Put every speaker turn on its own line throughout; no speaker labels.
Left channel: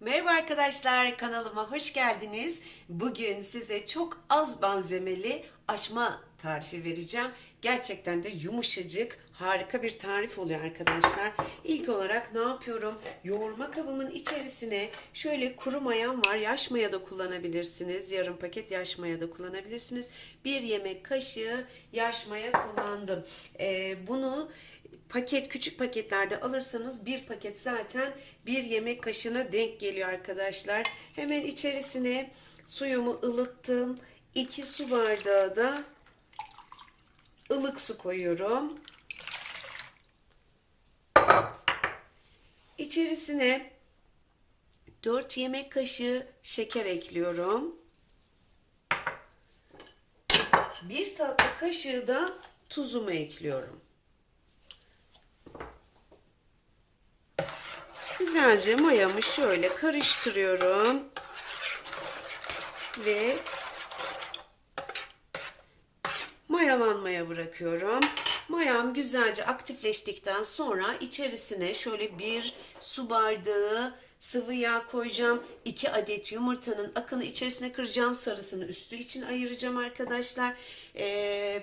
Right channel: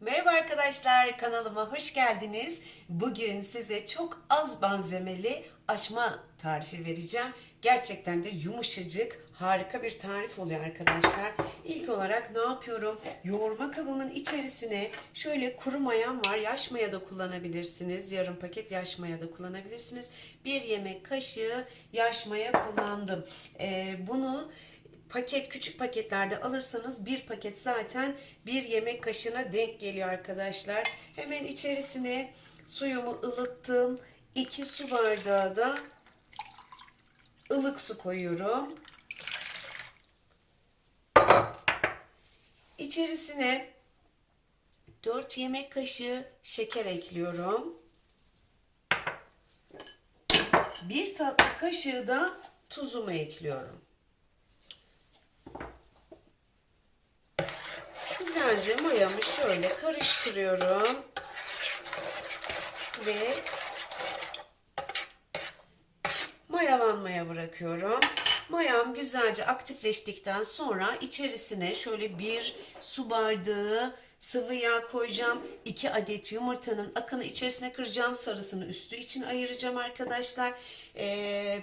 Merhaba arkadaşlar kanalıma hoş geldiniz. Bugün size çok az malzemeli açma tarifi vereceğim. Gerçekten de yumuşacık harika bir tarif oluyor arkadaşlar. İlk olarak ne yapıyorum? Yoğurma kabımın içerisine şöyle kuru mayam var. Yaş maya da kullanabilirsiniz. Yarım paket yaş maya da kullanabilirsiniz. Bir yemek kaşığı yaş maya kullandım. Ee, bunu paket küçük paketlerde alırsanız bir paket zaten bir yemek kaşığına denk geliyor arkadaşlar. Hemen içerisine suyumu ılıttım. 2 su bardağı da ılık su koyuyorum. İçerisine 4 yemek kaşığı şeker ekliyorum. Bir tatlı kaşığı da tuzumu ekliyorum. Güzelce mayamı şöyle karıştırıyorum. Ve mayalanmaya bırakıyorum. Mayam güzelce aktifleştikten sonra içerisine şöyle bir su bardağı sıvı yağ koyacağım. 2 adet yumurtanın akını içerisine kıracağım. Sarısını üstü için ayıracağım arkadaşlar. Ee,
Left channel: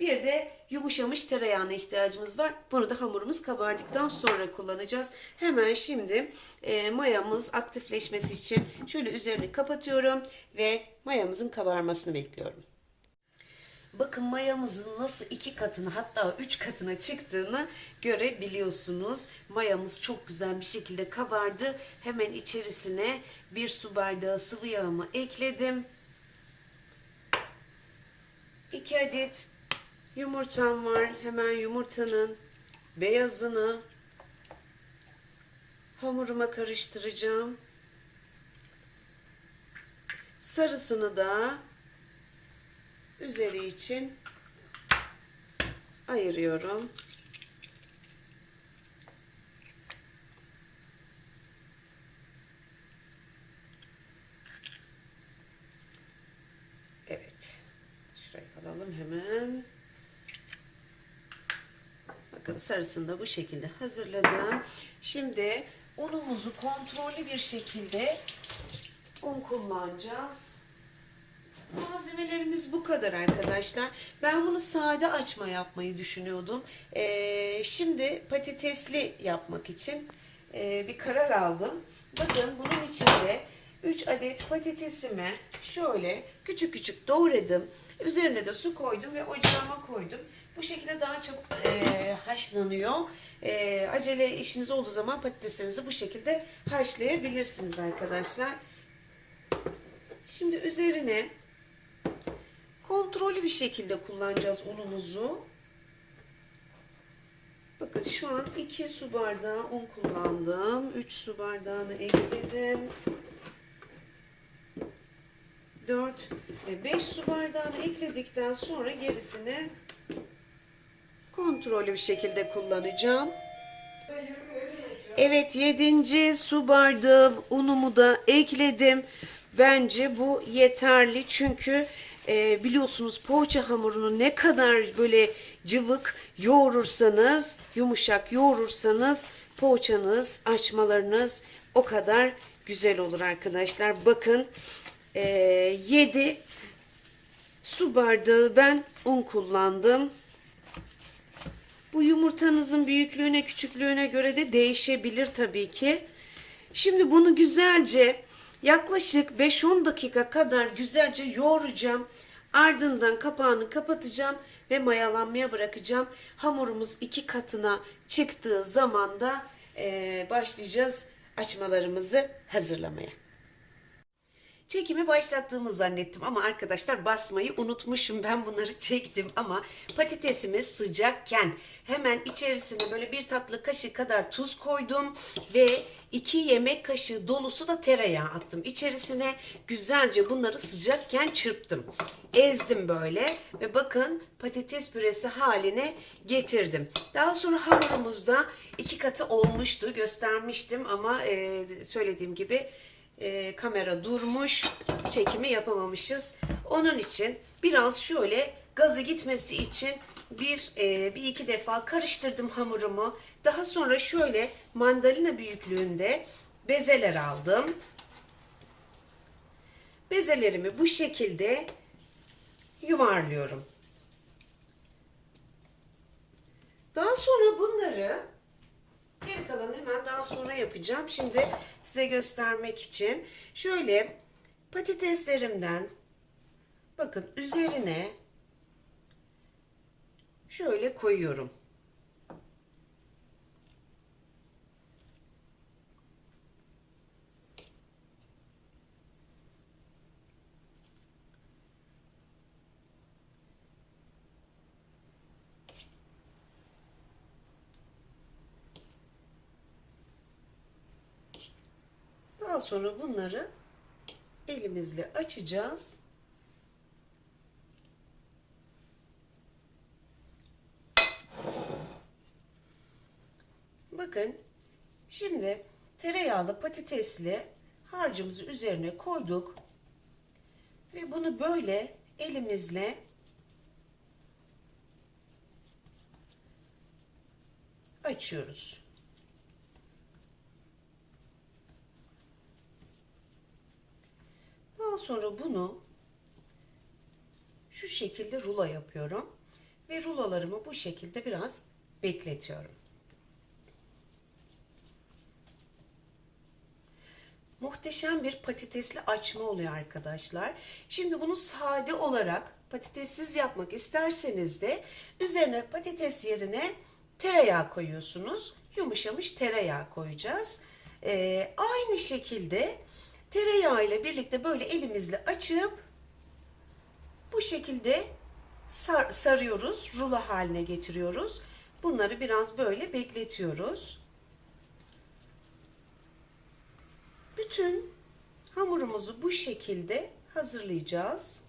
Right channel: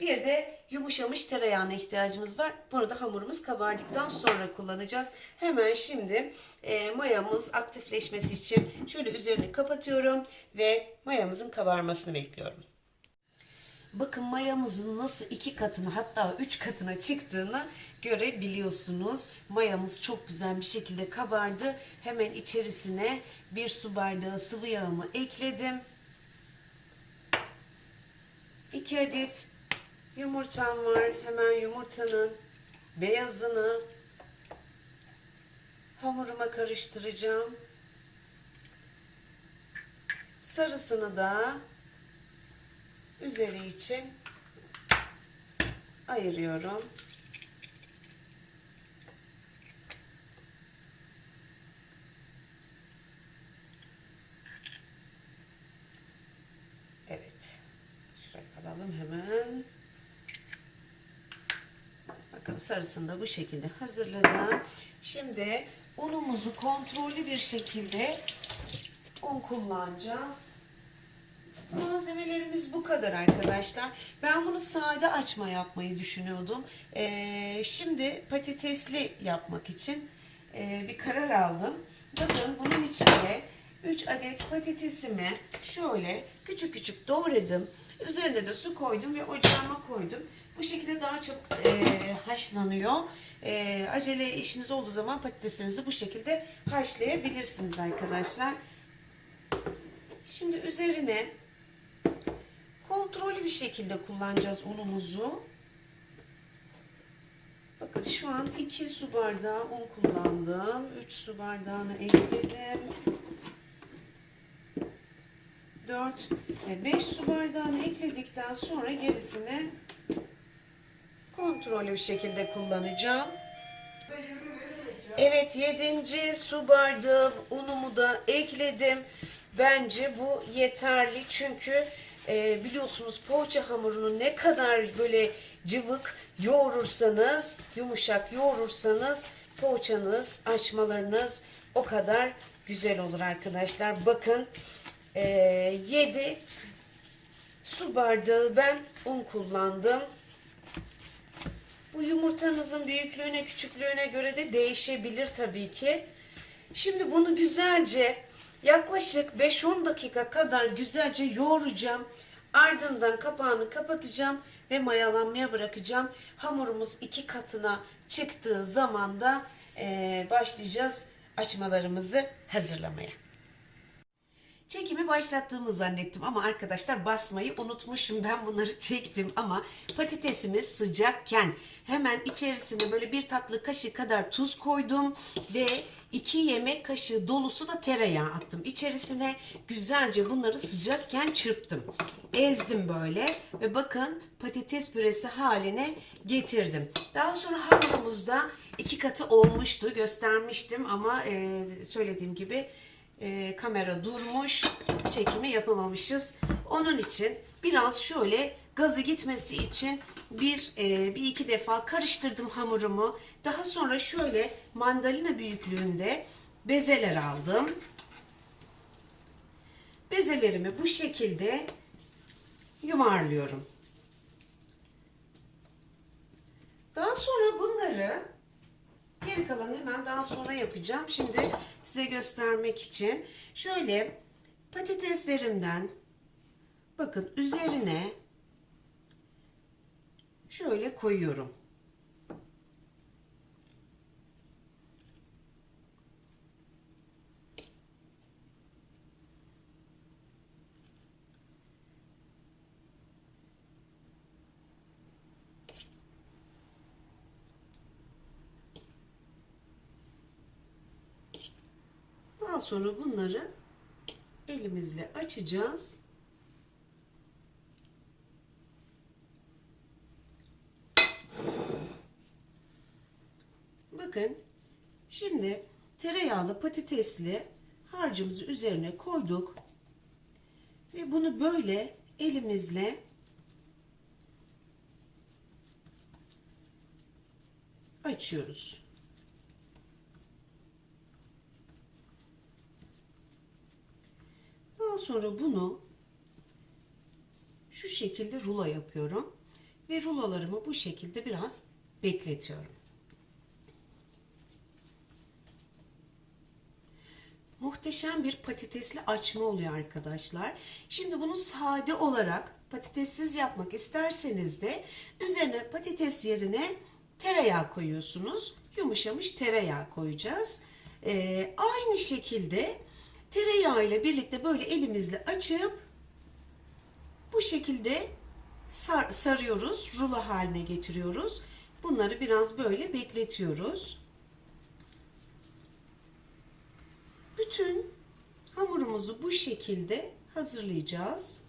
bir de yumuşamış tereyağına ihtiyacımız var. Bunu da hamurumuz kabardıktan sonra kullanacağız. Hemen şimdi e, mayamız aktifleşmesi için şöyle üzerini kapatıyorum ve mayamızın kabarmasını bekliyorum. Bakın mayamızın nasıl iki katını hatta üç katına çıktığını görebiliyorsunuz. Mayamız çok güzel bir şekilde kabardı. Hemen içerisine bir su bardağı sıvı yağımı ekledim. 2 adet yumurtam var. Hemen yumurtanın beyazını hamuruma karıştıracağım. Sarısını da üzeri için ayırıyorum. Evet. Şuraya alalım hemen. Bakın sarısını da bu şekilde hazırladım. Şimdi unumuzu kontrollü bir şekilde un kullanacağız. Malzemelerimiz bu kadar arkadaşlar. Ben bunu sade açma yapmayı düşünüyordum. Ee, şimdi patatesli yapmak için e, bir karar aldım. Bakın bunun içinde 3 adet patatesimi şöyle küçük küçük doğradım. Üzerine de su koydum ve ocağıma koydum. Bu şekilde daha çabuk e, haşlanıyor. E, acele işiniz olduğu zaman patateslerinizi bu şekilde haşlayabilirsiniz arkadaşlar. Şimdi üzerine kontrollü bir şekilde kullanacağız unumuzu. Bakın şu an 2 su bardağı un kullandım. 3 su bardağını ekledim. 4 ve 5 su bardağını ekledikten sonra gerisini kontrollü bir şekilde kullanacağım. Evet 7. su bardağı unumu da ekledim. Bence bu yeterli çünkü e, biliyorsunuz poğaça hamurunu ne kadar böyle cıvık yoğurursanız, yumuşak yoğurursanız poğaçanız, açmalarınız o kadar güzel olur arkadaşlar. Bakın e, 7 su bardağı ben un kullandım. Bu yumurtanızın büyüklüğüne küçüklüğüne göre de değişebilir tabii ki. Şimdi bunu güzelce yaklaşık 5-10 dakika kadar güzelce yoğuracağım. Ardından kapağını kapatacağım ve mayalanmaya bırakacağım. Hamurumuz iki katına çıktığı zaman da eee, başlayacağız açmalarımızı hazırlamaya. Çekimi başlattığımı zannettim ama arkadaşlar basmayı unutmuşum. Ben bunları çektim ama patatesimiz sıcakken hemen içerisine böyle bir tatlı kaşığı kadar tuz koydum ve 2 yemek kaşığı dolusu da tereyağı attım. İçerisine güzelce bunları sıcakken çırptım. Ezdim böyle ve bakın patates püresi haline getirdim. Daha sonra hamurumuzda iki katı olmuştu. Göstermiştim ama e, söylediğim gibi e, kamera durmuş. Çekimi yapamamışız. Onun için biraz şöyle gazı gitmesi için bir e, bir iki defa karıştırdım hamurumu. Daha sonra şöyle mandalina büyüklüğünde bezeler aldım. Bezelerimi bu şekilde yuvarlıyorum. Daha sonra bunları geri kalanı hemen daha sonra yapacağım. Şimdi size göstermek için şöyle patateslerimden bakın üzerine şöyle koyuyorum. Daha sonra bunları elimizle açacağız. Bakın şimdi tereyağlı patatesli harcımızı üzerine koyduk. Ve bunu böyle elimizle açıyoruz. Daha sonra bunu şu şekilde rulo yapıyorum. Ve rulolarımı bu şekilde biraz bekletiyorum. Muhteşem bir patatesli açma oluyor arkadaşlar. Şimdi bunu sade olarak patatessiz yapmak isterseniz de üzerine patates yerine tereyağı koyuyorsunuz. Yumuşamış tereyağı koyacağız. Ee, aynı şekilde tereyağı ile birlikte böyle elimizle açıp bu şekilde sar, sarıyoruz. Rulo haline getiriyoruz. Bunları biraz böyle bekletiyoruz. Bütün hamurumuzu bu şekilde hazırlayacağız.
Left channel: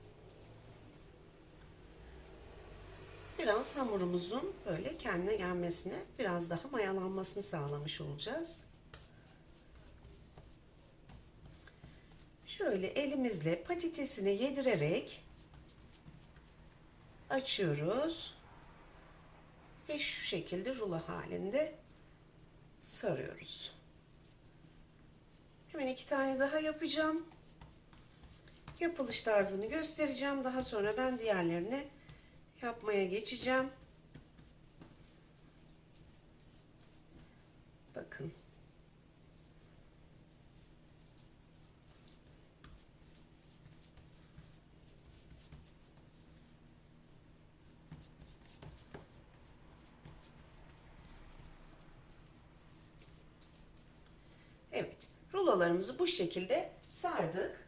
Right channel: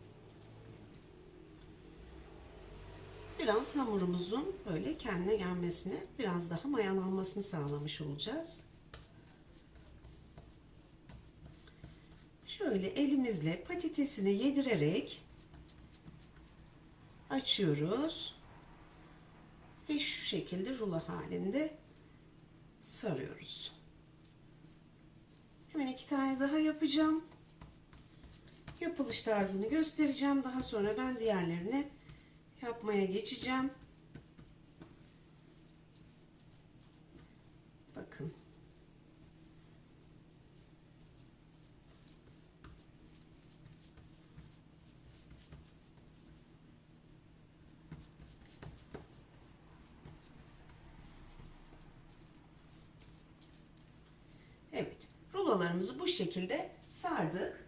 Biraz hamurumuzun böyle kendine gelmesine, biraz daha mayalanmasını sağlamış olacağız. Şöyle elimizle patatesine yedirerek açıyoruz. Ve şu şekilde rulo halinde sarıyoruz. Hemen iki tane daha yapacağım. Yapılış tarzını göstereceğim. Daha sonra ben diğerlerini yapmaya geçeceğim. Bakın. Evet. Rulolarımızı bu şekilde sardık.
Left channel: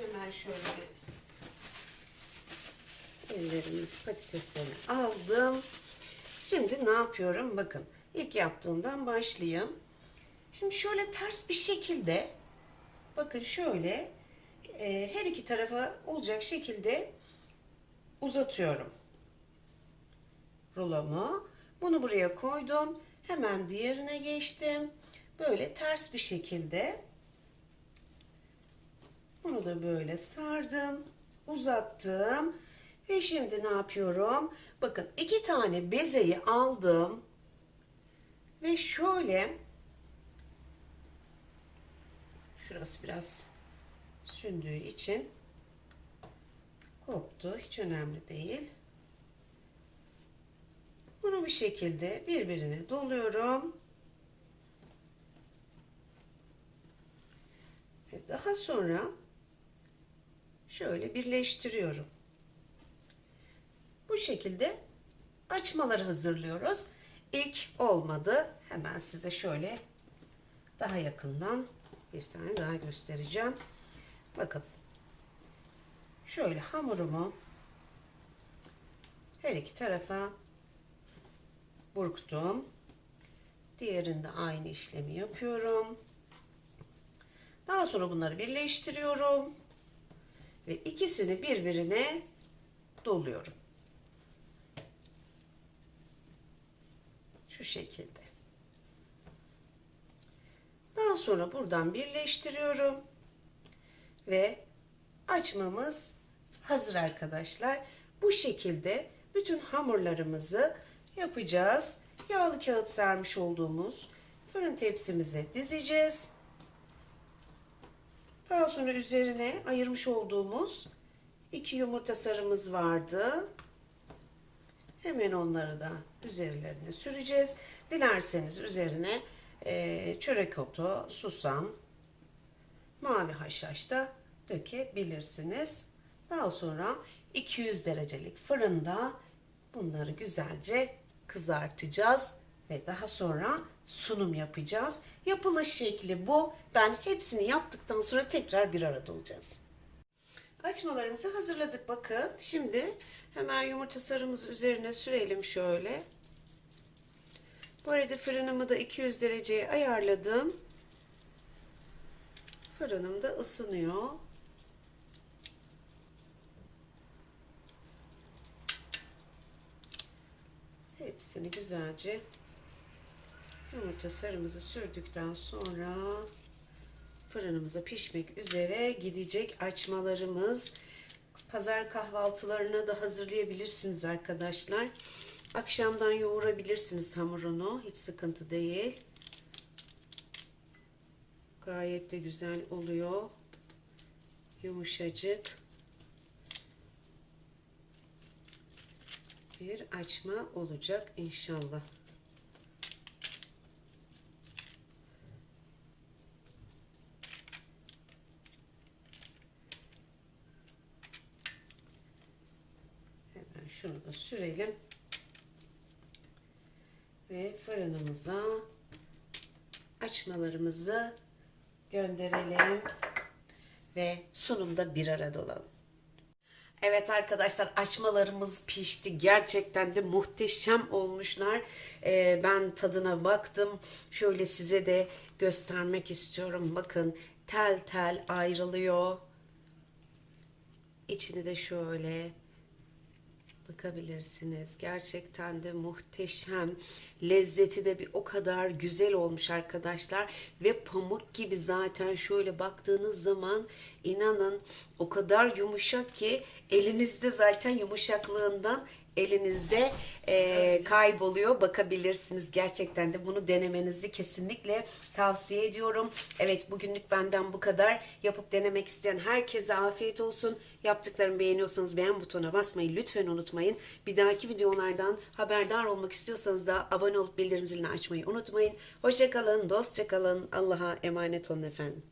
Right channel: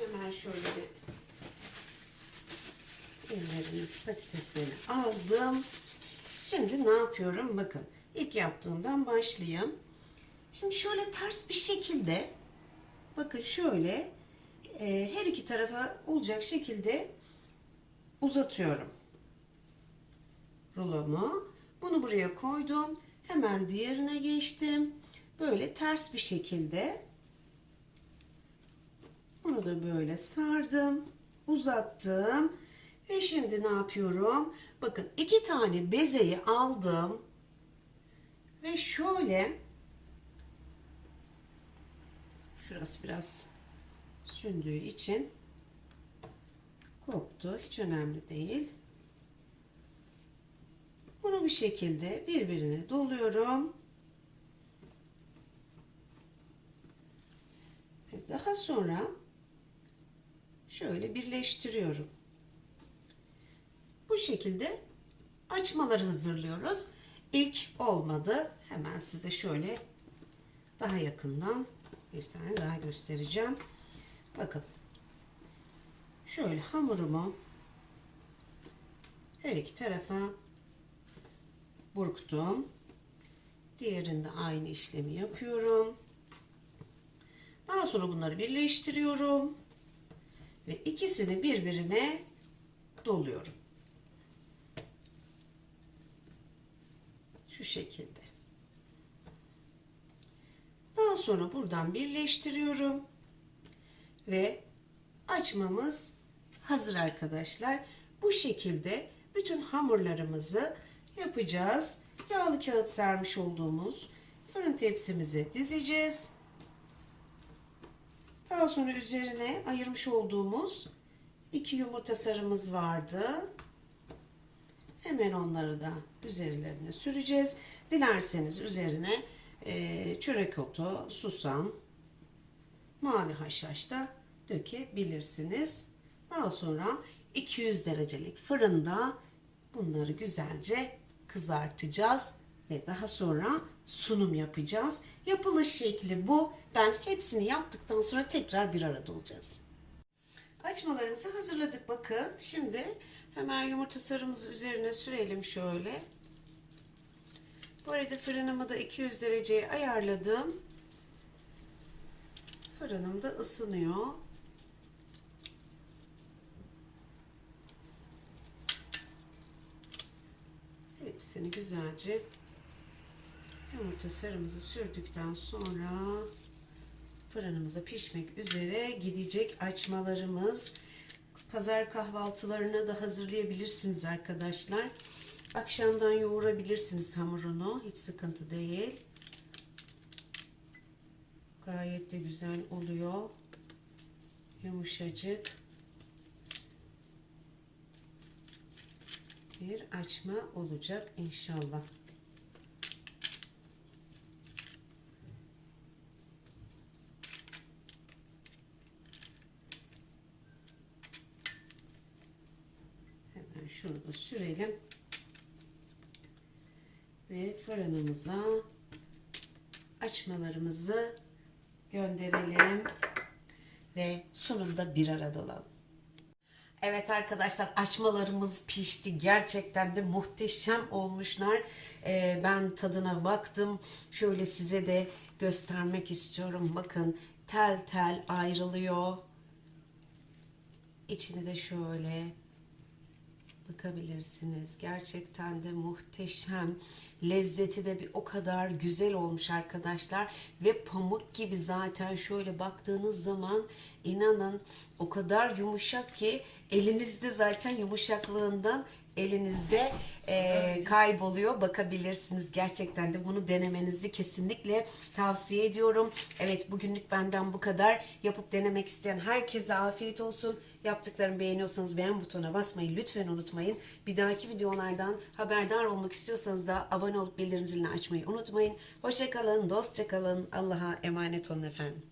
Hemen şöyle bir ellerimiz patateslerini aldım. Şimdi ne yapıyorum? Bakın ilk yaptığımdan başlayayım. Şimdi şöyle ters bir şekilde bakın şöyle e, her iki tarafa olacak şekilde uzatıyorum rulomu. Bunu buraya koydum. Hemen diğerine geçtim. Böyle ters bir şekilde bunu da böyle sardım, uzattım ve şimdi ne yapıyorum? Bakın iki tane bezeyi aldım ve şöyle şurası biraz sündüğü için koptu. Hiç önemli değil. Bunu bir şekilde birbirine doluyorum. Daha sonra şöyle birleştiriyorum. Bu şekilde açmaları hazırlıyoruz. İlk olmadı. Hemen size şöyle daha yakından bir tane daha göstereceğim. Bakın. Şöyle hamurumu her iki tarafa burktum. Diğerinde aynı işlemi yapıyorum. Daha sonra bunları birleştiriyorum. Ve ikisini birbirine doluyorum. Şu şekilde. Daha sonra buradan birleştiriyorum. Ve açmamız hazır arkadaşlar. Bu şekilde bütün hamurlarımızı yapacağız. Yağlı kağıt sermiş olduğumuz fırın tepsimizi dizeceğiz. Daha sonra üzerine ayırmış olduğumuz iki yumurta sarımız vardı. Hemen onları da üzerlerine süreceğiz. Dilerseniz üzerine e, çörek otu, susam, mavi haşhaş da dökebilirsiniz. Daha sonra 200 derecelik fırında bunları güzelce kızartacağız ve daha sonra sunum yapacağız. Yapılış şekli bu. Ben hepsini yaptıktan sonra tekrar bir arada olacağız. Açmalarımızı hazırladık bakın. Şimdi hemen yumurta sarımızı üzerine sürelim şöyle. Bu arada fırınımı da 200 dereceye ayarladım. Fırınım da ısınıyor. Hepsini güzelce yumurta sarımızı sürdükten sonra fırınımıza pişmek üzere gidecek açmalarımız. Pazar kahvaltılarına da hazırlayabilirsiniz arkadaşlar. Akşamdan yoğurabilirsiniz hamurunu. Hiç sıkıntı değil. Gayet de güzel oluyor. Yumuşacık. Bir açma olacak inşallah. Hemen şunu da sürelim. Ve fırınımıza açmalarımızı gönderelim. Ve sunumda bir arada olalım. Evet arkadaşlar açmalarımız pişti. Gerçekten de muhteşem olmuşlar. Ee, ben tadına baktım. Şöyle size de göstermek istiyorum. Bakın tel tel ayrılıyor. İçini de şöyle bakabilirsiniz. Gerçekten de muhteşem. Lezzeti de bir o kadar güzel olmuş arkadaşlar. Ve pamuk gibi zaten şöyle baktığınız zaman inanın o kadar yumuşak ki elinizde zaten yumuşaklığından elinizde e, kayboluyor. Bakabilirsiniz. Gerçekten de bunu denemenizi kesinlikle tavsiye ediyorum. Evet bugünlük benden bu kadar. Yapıp denemek isteyen herkese afiyet olsun. Yaptıklarımı beğeniyorsanız beğen butonuna basmayı lütfen unutmayın. Bir dahaki videolardan haberdar olmak istiyorsanız da abone olup bildirim zilini açmayı unutmayın. Hoşçakalın, dostça kalın. Allah'a emanet olun efendim.